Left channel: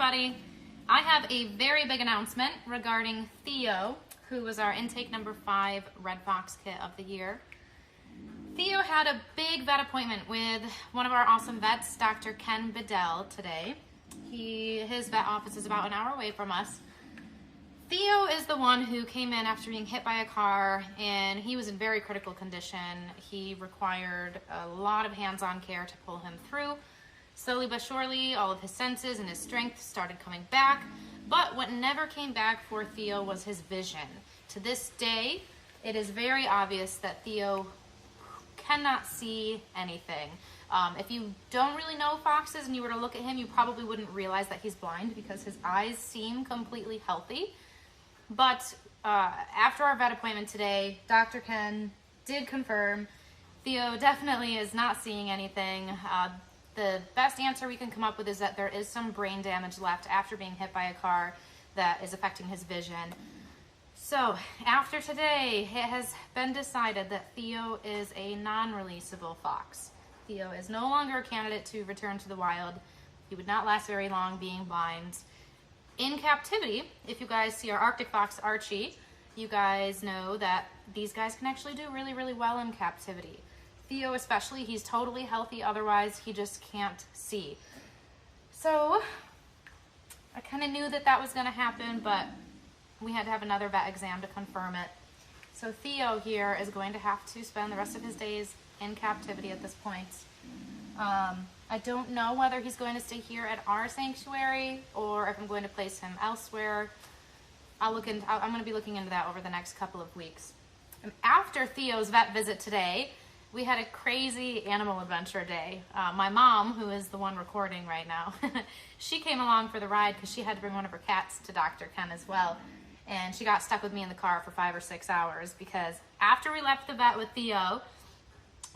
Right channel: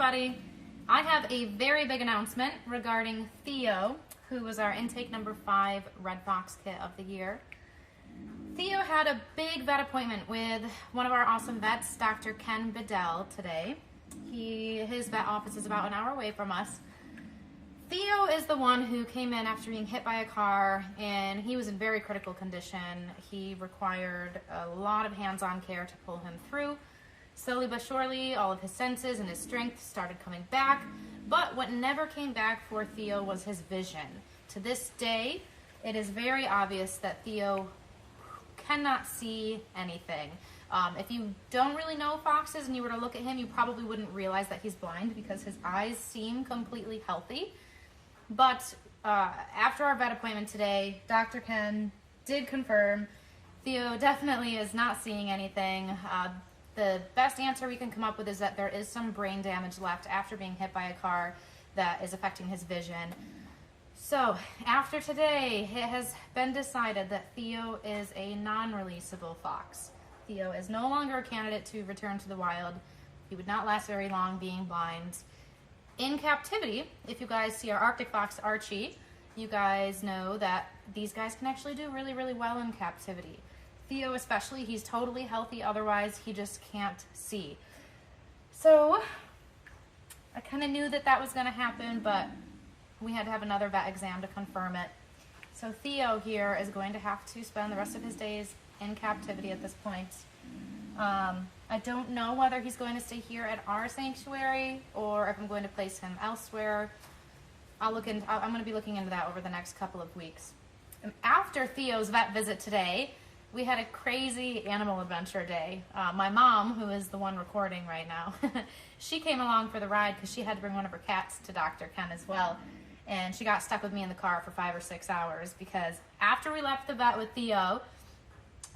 everybody. I have a very big announcement regarding Theo, who was our intake number 5 Red Fox kit of the year. Theo had a big vet appointment with one of our awesome vets, Dr. Ken Bedell, today. His vet office is about an hour away from us. Theo is the one who came in after being hit by a car, and he was in very critical condition. He required a lot of hands-on care to pull him through. Slowly but surely, all of his senses and his strength started coming back, but what never came back for Theo was his vision. To this day, it is very obvious that Theo cannot see anything. If you don't really know foxes and you were to look at him, you probably wouldn't realize that he's blind because his eyes seem completely healthy. But after our vet appointment today, Dr. Ken did confirm Theo definitely is not seeing anything. The best answer we can come up with is that there is some brain damage left after being hit by a car that is affecting his vision. So after today, it has been decided that Theo is a non-releasable fox. Theo is no longer a candidate to return to the wild. He would not last very long being blind. In captivity, if you guys see our Arctic fox Archie, you guys know that these guys can actually do really, really well in captivity. Theo especially, he's totally healthy, otherwise he just can't see. So I kind of knew that that was going to happen, but we had to have another vet exam to confirm it. So Theo here is going to have to spend the rest of his days in captivity at this point. I don't know whether he's going to stay here at our sanctuary or if I'm going to place him elsewhere. I'm going to be looking into that over the next couple of weeks. And after Theo's vet visit today, we had a crazy animal adventure day. My mom, who is the one recording right now, she came along for the ride because she had to bring one of her cats to Dr. Ken as well. And she got stuck with me in the car for 5 or 6 hours because after we left the vet with Theo,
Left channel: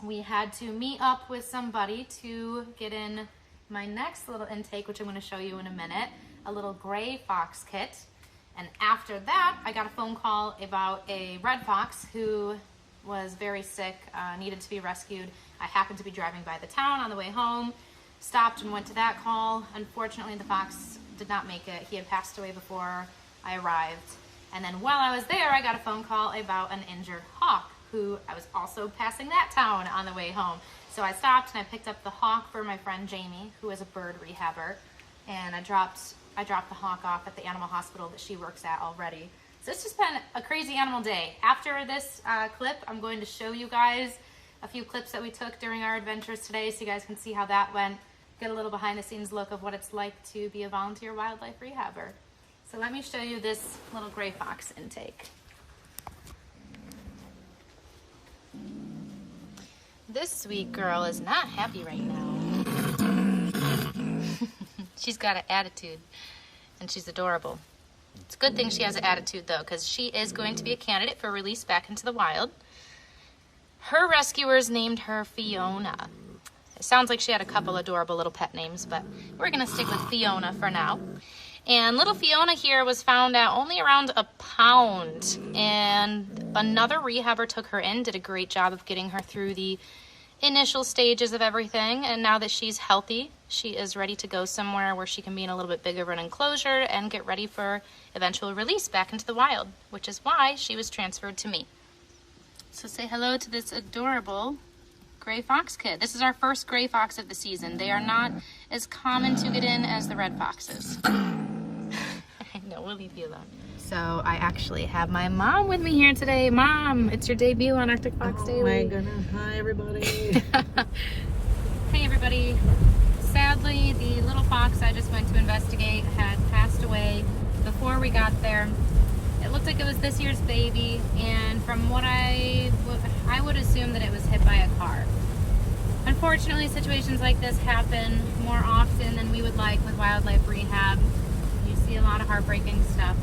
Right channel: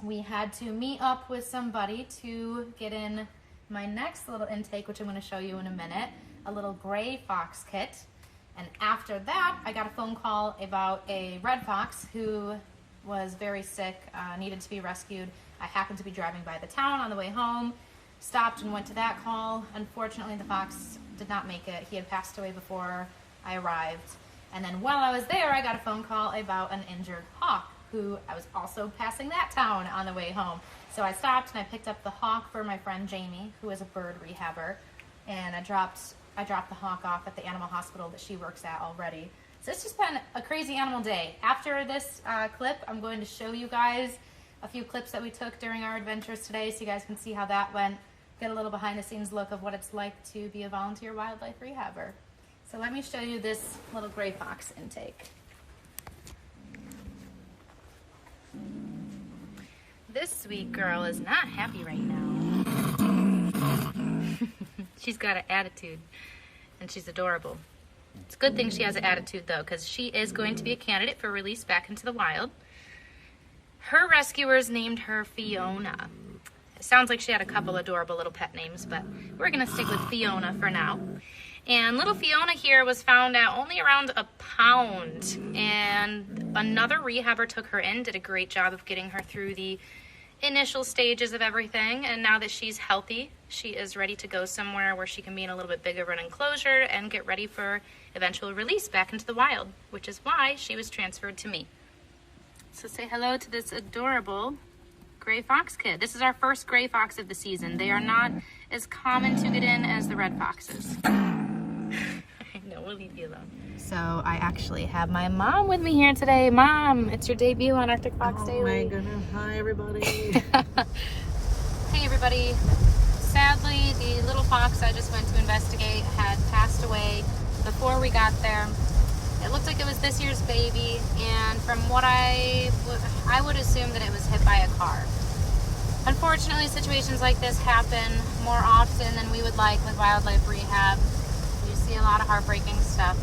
we had to meet up with somebody to get in my next little intake, which I'm going to show you in a minute, a little gray fox kit. And after that, I got a phone call about a red fox who was very sick, needed to be rescued. I happened to be driving by the town on the way home, stopped and went to that call. Unfortunately, the fox did not make it. He had passed away before I arrived. And then while I was there, I got a phone call about an injured hawk, who I was also passing that town on the way home. So I stopped and I picked up the hawk for my friend Jamie, who is a bird rehabber, and I dropped the hawk off at the animal hospital that she works at already. So it's just been a crazy animal day. After this clip, I'm going to show you guys a few clips that we took during our adventures today so you guys can see how that went, get a little behind the scenes look of what it's like to be a volunteer wildlife rehabber. So let me show you this little gray fox intake. This sweet girl is not happy right now. She's got an attitude and she's adorable. It's a good thing she has an attitude though, because she is going to be a candidate for release back into the wild. Her rescuers named her Fiona. It sounds like she had a couple adorable little pet names, but we're gonna stick with Fiona for now. And little Fiona here was found at only around a pound, and another rehabber took her in, did a great job of getting her through the initial stages of everything, and now that she's healthy, she is ready to go somewhere where she can be in a little bit bigger of an enclosure and get ready for eventual release back into the wild, which is why she was transferred to me. So say hello to this adorable gray fox kid. This is our first gray fox of the season. They are not as common to get in as the red foxes. No, we'll leave you alone. So I actually have my mom with me here today. Mom, it's your debut on Arctic Fox Daily. Oh my goodness. Hi, everybody. Hey, everybody. Sadly, the little fox I just went to investigate had passed away before we got there. It looked like it was this year's baby, and from what I would assume that it was hit by a car. Unfortunately, situations like this happen more often than we would like with wildlife rehab. You see a lot of heartbreaking stuff.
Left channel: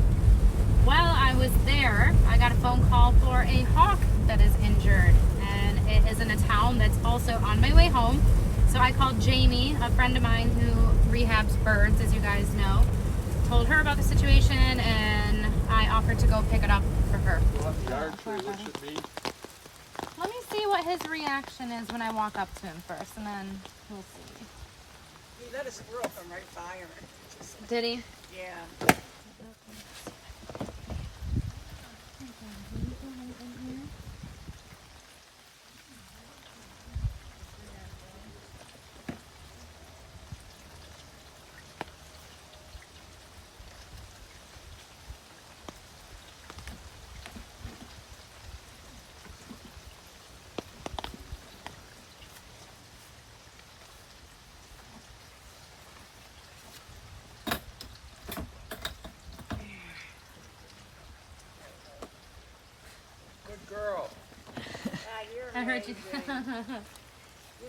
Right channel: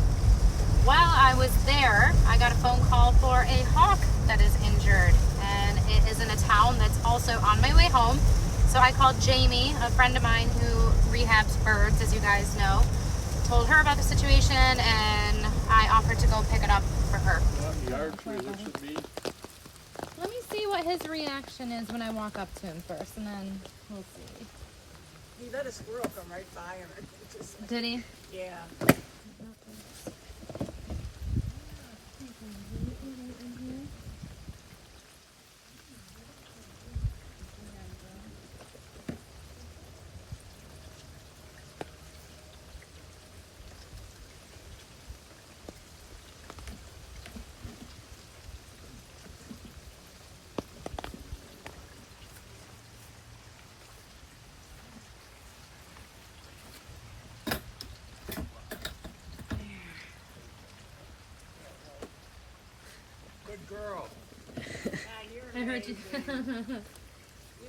While I was there, I got a phone call for a hawk that is injured, and it is in a town that's also on my way home. So I called Jamie, a friend of mine who rehabs birds, as you guys know, told her about the situation, and I offered to go pick it up for her. Let me see what his reaction is when I walk up to him first, and then we'll see. He let a squirrel come right by him. Did he? Yeah. Good girl. I heard you. You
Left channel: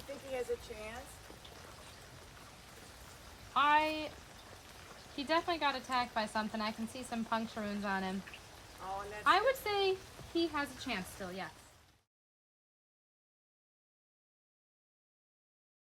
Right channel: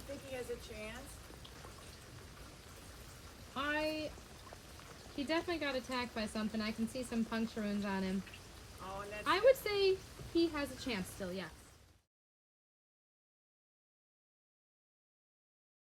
think he has a chance? He definitely got attacked by something. I can see some puncture wounds on him. Oh, and that's I would say he has a chance still, yes.